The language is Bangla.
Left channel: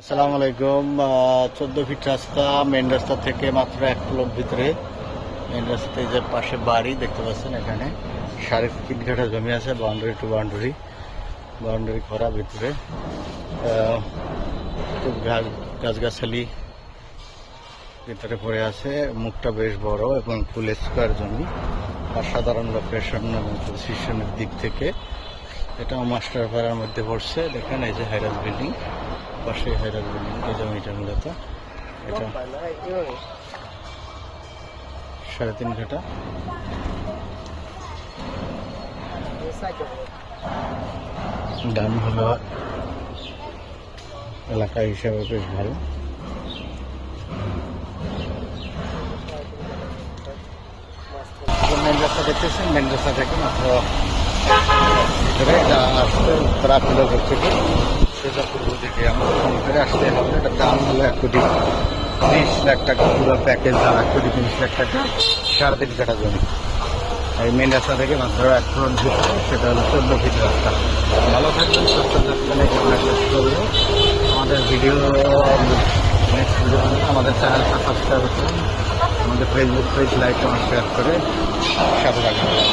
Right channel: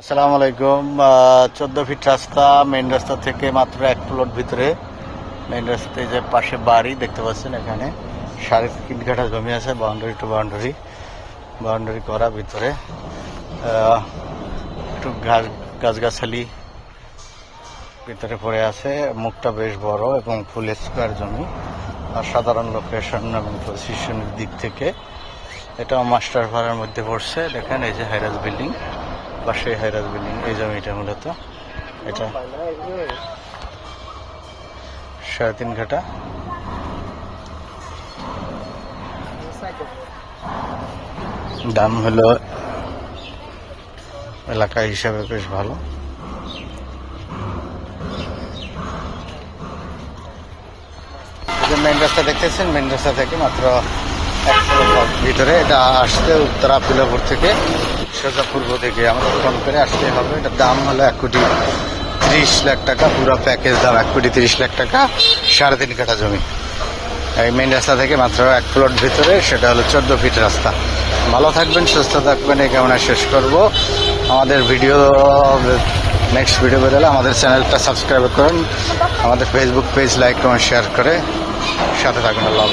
আসসালামু আলাইকুম। চোদ্দ ফিট রাস্তা মেন রাস্তা থেকে মাত্র এক প্লট ভিতরে। মেন রাস্তাতে যে পাশে বাড়ি দেখতে পাচ্ছেন এখানে। সাড়ে তিন কাঠা জমি আছে বাউন্ডারি টু বাউন্ডারি বাউন্ডারি করা ভিতরে। একটু গাছ, গাছগাছালি ভিতরে পড়ে আছে। মুখটা বেশ বড় এবং ফুল স্কোয়ার জমি। আর সাধারণ লোকেশন এবং পজিশনের দিক থেকে এটা মাস্টার ভাড়ার মধ্যে পড়ছে। দেখেন এই যে হাইরাজ বিল্ডিং পাশে হাইরাজ বিল্ডিং, এই জমিটা মূলত। এটা সাড়ে তিন ঘাটা। দাম হলো এলাকা হিসাবে বেশ ভালো। মেন রাস্তা দেখতেছেন মেন রাস্তা থেকে মাত্র ভিতরে। এটা আসতে উত্তরা পিলাপুর থেকে। সোজা থেকে আমাদের ফোন করে আসতে হবে। এটার দাম হলো এক কোটি ত্রিশ লাখ টাকা, পুরো প্যাকেজ দাম এক কোটি তিরিশ লাখ টাকা, সাড়ে তিন কাঠা জমি। এই মেন রাস্তা থেকে মাত্র এক প্লট ভিতরে, সেটা হলো চোদ্দ ফিট রাস্তা। ভালো থাকবেন, সুস্থ থাকবেন, এই কেমন শেষ করব। আমাদের ভিডিও নেক্সট ভিডিও বেরোলে আমাদের চ্যানেলটা সাবস্ক্রাইব করুন। আমাদের Facebook page like comment share করে সাথে থাকবেন আল্লাহ।